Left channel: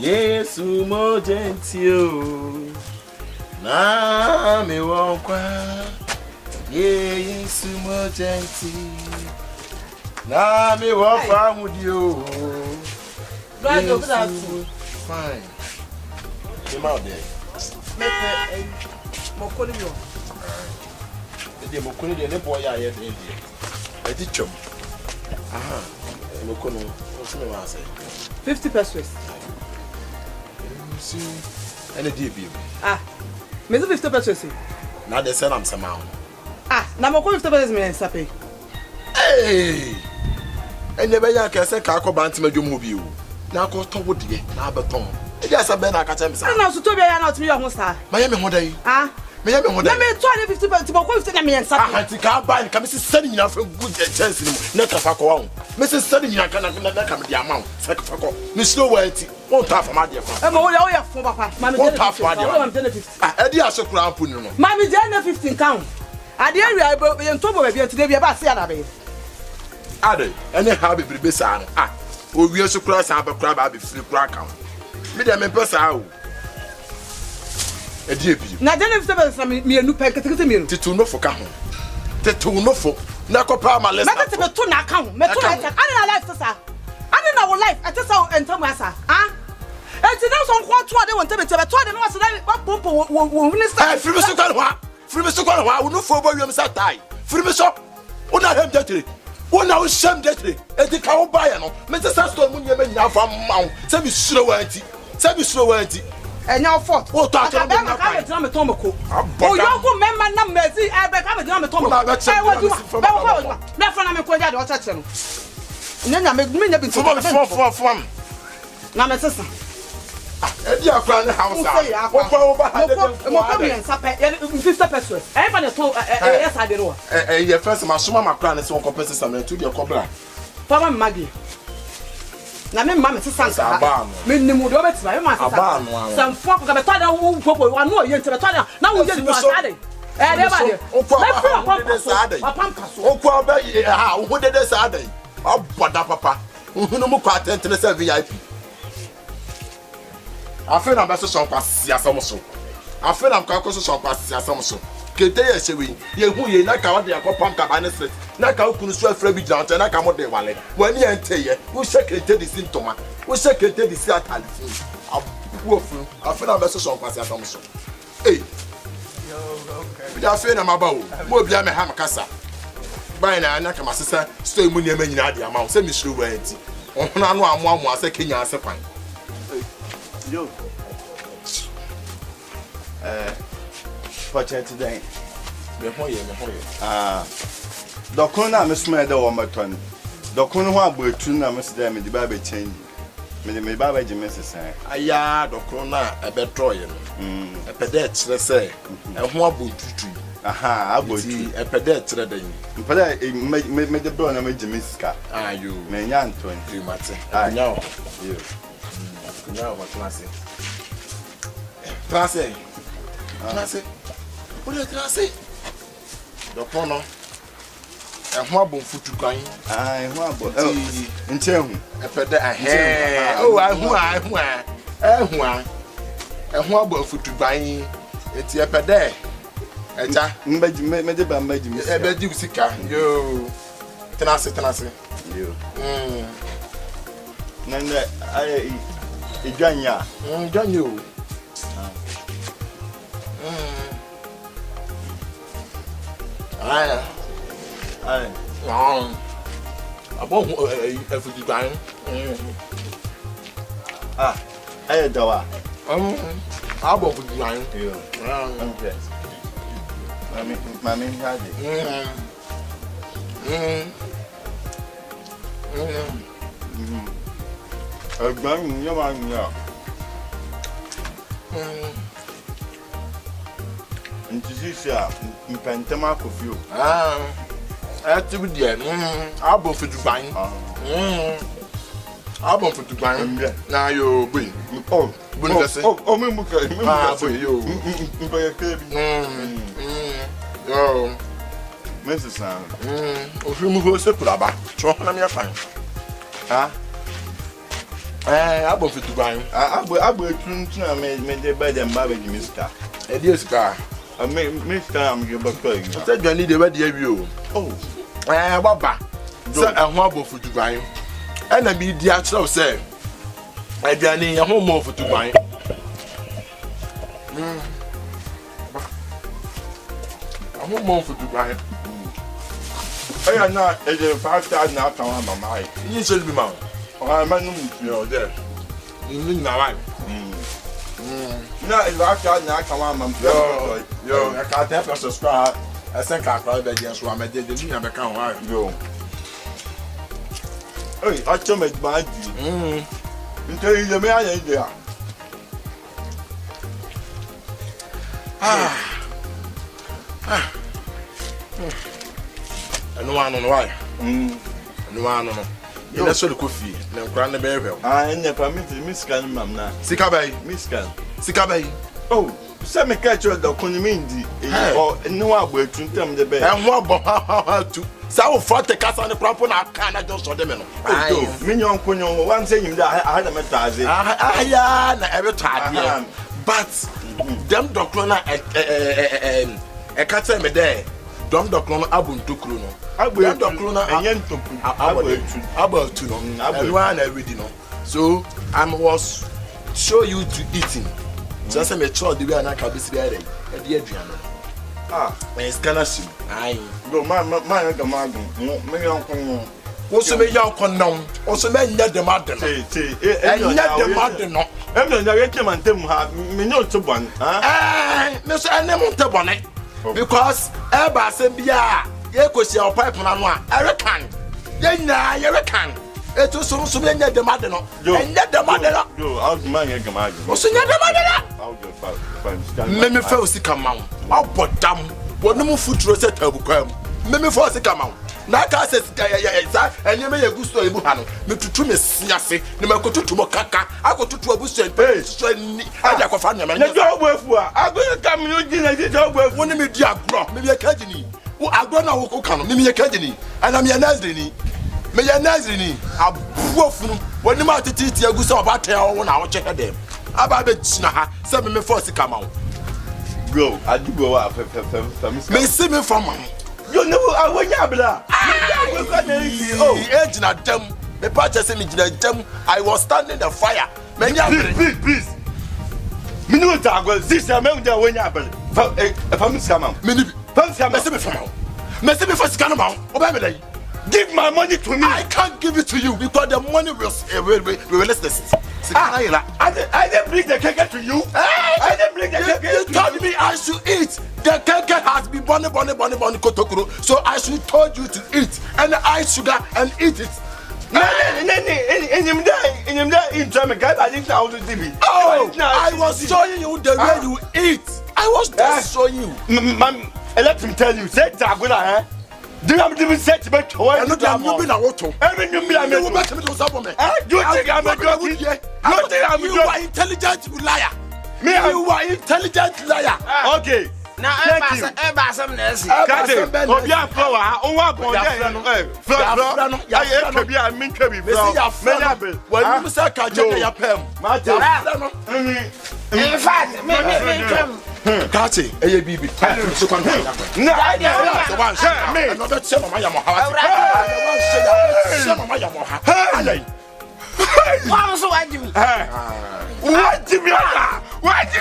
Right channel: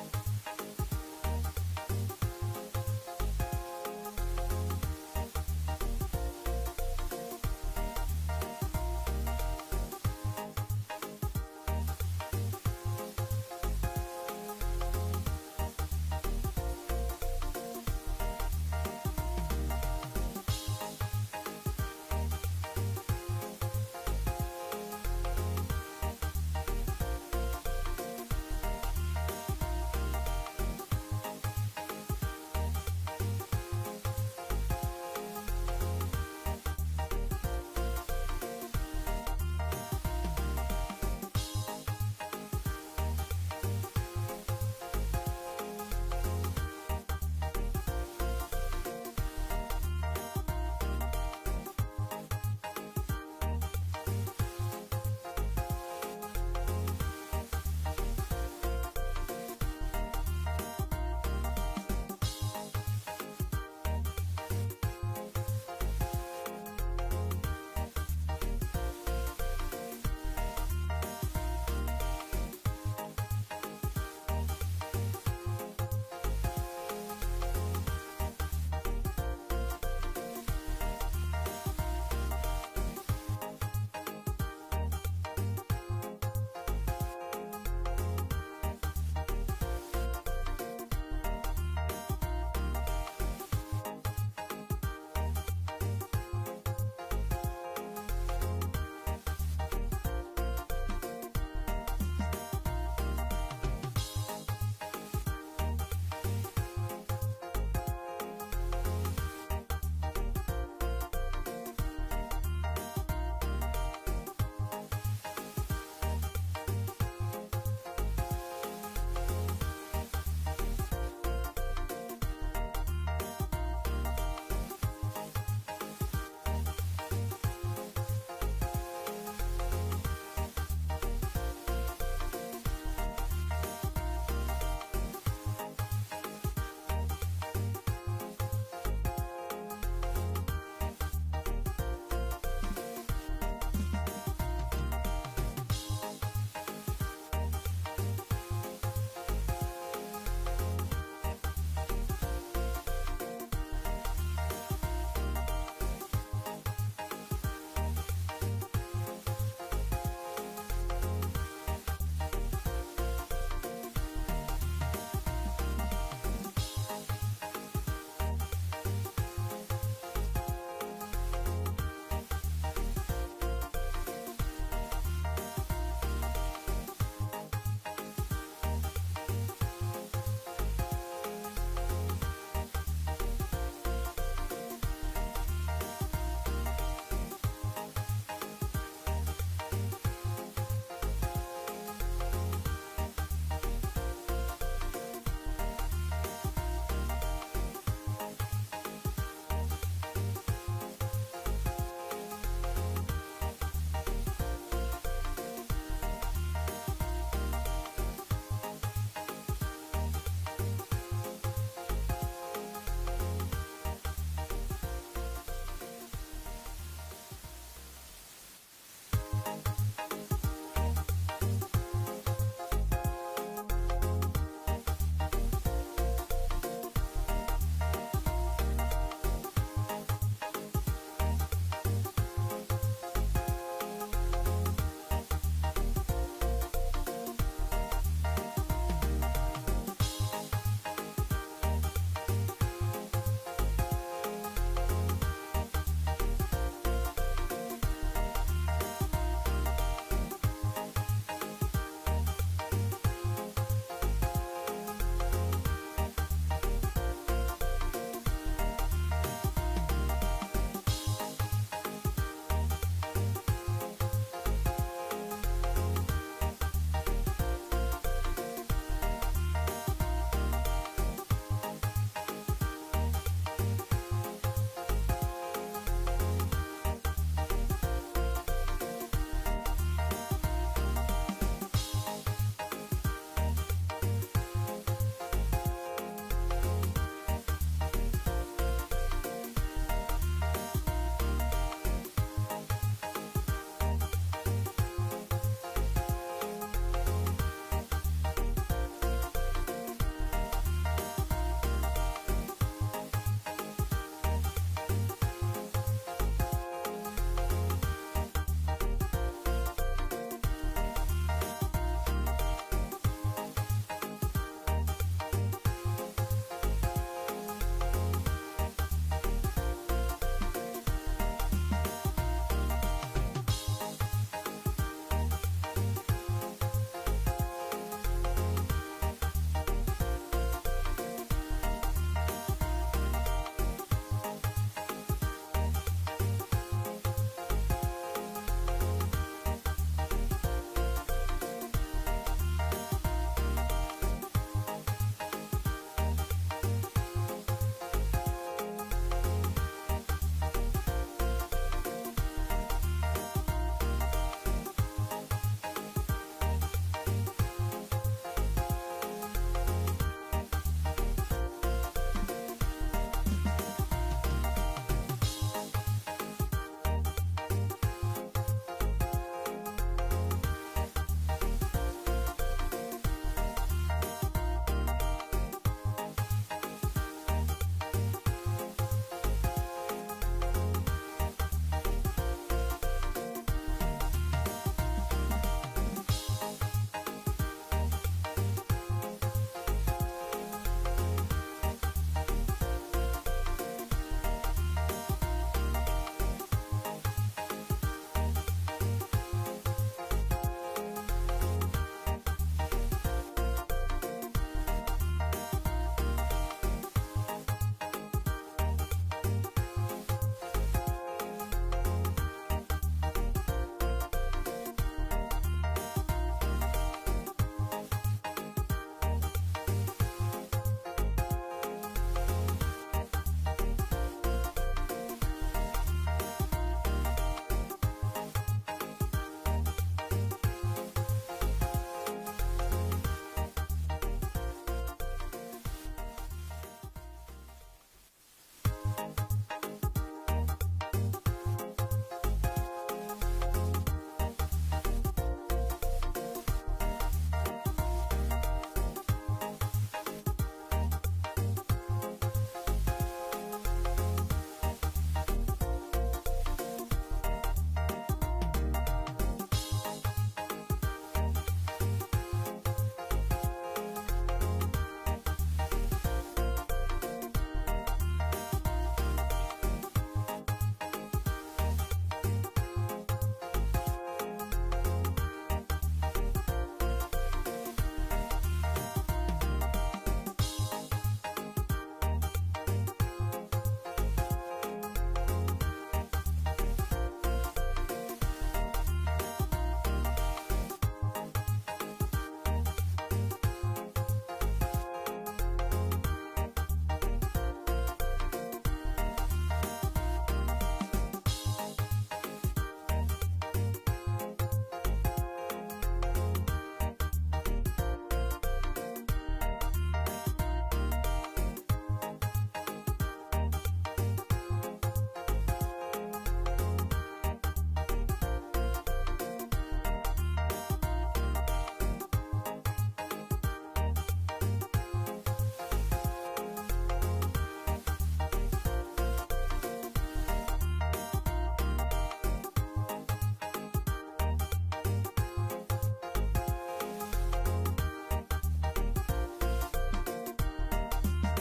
Yes, more gentle. Na me won't cry. Yes, more gentle. Na me won't cry with you. Right, yes, that. Fine. Come out there. Mokoni de ne boy ya ye de. E di chom. Aha. Mokono, what's the one say? 50 pesos. See, any DB. Me 50 pesos. Now they sell am somehow. Na mo ko 50 pesos me sape. Hey! And never ya can say Kako Bantam Jum be you. Now go to wood, now but Tom. It is a ben I catch him. I know to be not to your hosta. Miami Hoday. Miami Hoday. Let me 50 pesos to go 50 me and sape. I think I'll buy and come sending enough from good chance. Not a Fako. Mrs. Sending you can come the amount. Sakako. Miss No White. Won't have a mother. I'm all your for papa. Mammy, won't have I'm 50. I did so crown. Mammy, 15 count. I dare you, I will be in trouble with you today about Sianabe. Ade, any habit be beside. We also cross our crab, I'll be free crack out. Madame and Pessa. A deep. Now, then, if there was me a new packet to me to know for Cahon. To know for Nacopa, my letter to the tuna count. I don't know life, sir. I don't know life. I just saw and Tomasa. And to know some what they want to be told and what's that? What people will minister. Free Mr. Calwa, free Mr. Calwa, who know for Williams that die. Free Mr. What I have that. One now shame that and the cow buyer. Mr. Saston, when you may now from Mount, send me slow anti, send me slow anti. And now for what I am a Tomoko. Oh, you go member numbers, I become a Tomoko. I want to that's when I'm a quad or touch them. Then I make me a bit for now, my sister. And you are crying the house. Yes, I did. Your first, my summer crown is one compensation to your cobra. Papa Maggie. Now, my mamma says, I'm the mood of it. Some folk of a tunnel who one more year to the tunnel. Now we didn't was adding. And everybody, what did they say? Oh, papa, who no more quite to the VIP. I feel I'm better some pass Yasamoso. I feel I'm Kakoso some pass Yasamoso. Kete Shewi, ye who ye like out there for pump cabanas, like how could swear Frebby down and I come out there one. When you enter ye, who secretary the symptom, who secretary the Seattle. I feel I'm better some pass Yasamoso. Hey, I feel I'm about more beyond my hamacassa. By now, I come sister, stay when you mean the amount, send me through where it's on one more second answer fine. Yo, Watch it today. The corner, Miss Mother or my ton. The corner, we're two numbers there, the baby change. Me Baba Jimmy's say. Aya, the corner, a betroyer. A pedet, let's say, a more boot. Aha, I would see a pedet, but I made the bone and made Jimmy's car. Are you, may young 20 months? I know you. Now what class? Class. What is class? The corner. A hobble foot to crying. I hobble. And tell me, a pedet. Oh, I a hobble foot to crying. It's a pedet. And I made a bed you sick. You. Tenacity. You. None I. Iganya, Ganyu. I won't every time. I do. I won't be blind. Mammy had it. A gun, your man, yeah. And to see, sir, you can tell my you. I have to be there. I'll go for to find. I'll go for to find. Now you bring. Oh, oh, Mrs. Sam. If you go to Pulaba, talk on your fine. Abo fitu ban. Abo tun na me de ba dem ba be mister. E dey ska. Mister am ge ba ko. Say dwani de ba de awi o. Oh. Baba. Say ehun abo fitu ban. E na bi di a kire o say. Adwani ehun mo fitu ban. Ehun mo fitu ban. Aya na e de 5,000 na kan wa mama ai. Yin so bi ma. Ah man no there. Yin na wa. Na e ba ka na kan wa mama. Yo, I can't help subscribe. I think I can't be just one. I did the thing I can't why. Yo. Hey, I told me bad. Until you me I there. No one on why. No one on. You that's what the coffee. No grand baby. And the permit Miss Can Mamma. Sikabai, Miss Can. Sikabai. Oh, some catch your documenti or no way to tell the bed. And what about to so for the cast on the proper I can't just show them. Minion Punyon, one saying that I had a metazi. Yeah, every time. But them doctrina a cat me there. Dom doctrina abun to Kruno. I will doctrina about to know. Everyone everything. So I was show you to eating. Just a mature the way I can be there. A dear Diana. When it's gonna see. I go my maybe uncle. Also, may young condom. Also, may not the mother. And not the mother. No, I'm not recommend them have me not to one. Miss Animal to bonnet. Because Eba said, yeah, you could see our pipe on one. I reckon. Then I reckon. It was so many the mother. And not the mother. You out my command. Also, not the mother. Meme first come out. I'll put down. What no food rosette have come. Meme first come out. Naka says, and you may a good story. Me to me, Siasi, no matter to Mokaka. I go to a bush and pay. I go find them. And the job worth I'm going to come you dinner. The job worth one me, dear Grop, maybe a Kajini. Who I don't know who come, maybe a Kajini. And I'm your Nazrini. May your Nazrini. A woof when the matter teach you go about 10 1 hour check them. About the China, 7 me first come out. Go, I do go up. May see me from you know, I will yabla. Oh, the edge at them. The purchase me them. I was standing the fire. Please. Minuta will this amount when you have a family scam. Many Messi first can amount. Give my money to me. I can't give it to you because the money will less this. I didn't bring the cake to you. I didn't bring the cake. You told me I should eat. The cake has been bonny kotokuro. So I should told you to eat and add sugar and eat it. Oh, I was showing you the way you eat. I was just showing you. Ma'am, let him tell you. Say Tagula, do you have to set to bet? I look at you in a auto. Every new million will back to the supplement. You think I'm a good year? You think I'm a intelligent liar? Me, you are intelligent liar. Okay. Now, I'm some nurse. Kati, a baby. So come on. No, the one share me. Another share my Yamaha. Why so I do? What do you What do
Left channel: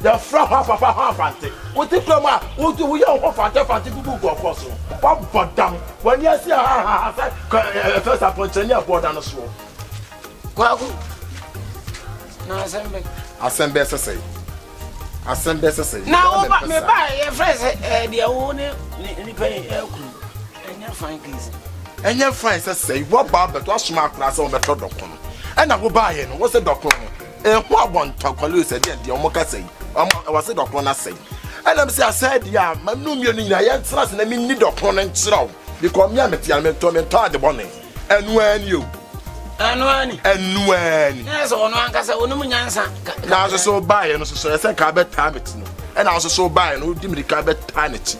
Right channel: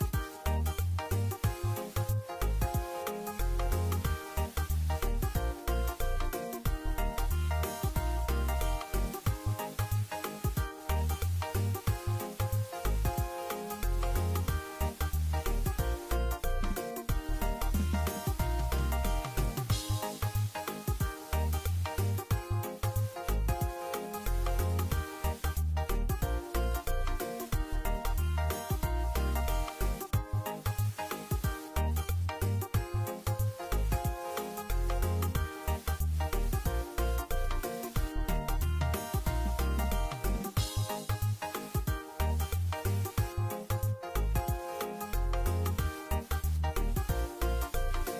the front half Nfante. What the drama? What do we all want Nfante to go for? What but damn when you see first appointment you board on the show. Well, Assembly say. Now, me buy a fresh the owner and your friends say, what about the wash mark class on the doctor? And I will buy it. What's the doctor? And what one talk police said, the Omoka say, I was a doctor, I say. And I'm saying, I said, yeah, my no meaning, I am trust and I mean, need a pronoun, because me, I'm a tired the bonnet. And when you, And when, yes, on one case, on now I was so by and so I said, Cabet Tabit, and I was so by and who did me the Cabet Tanity.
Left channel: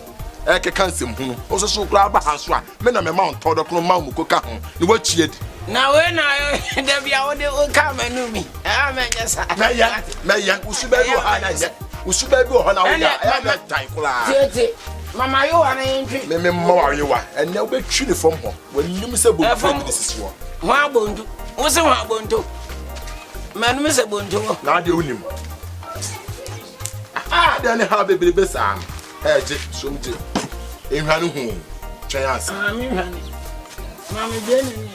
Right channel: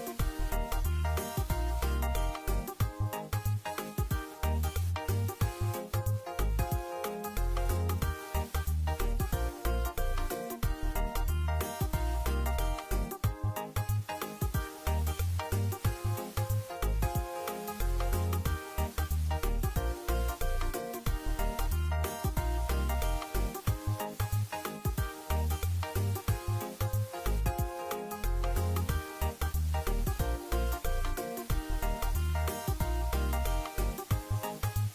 I can't see him, also so glad about house one. Men of a mount, told the Mount Coca, the watch yet. now when I there be our will come and know me. I mean, yes, Mayan, who should be who should be on our time. Mama, you are an entry. Me more you are, and now we treat from home when you miss a book from this one. Wabundu, what's a wabundu? Man, Miss Bundu, Now the unim. Ah, then have a baby son. Something in Hanu home. Chance. Mammy, Benny.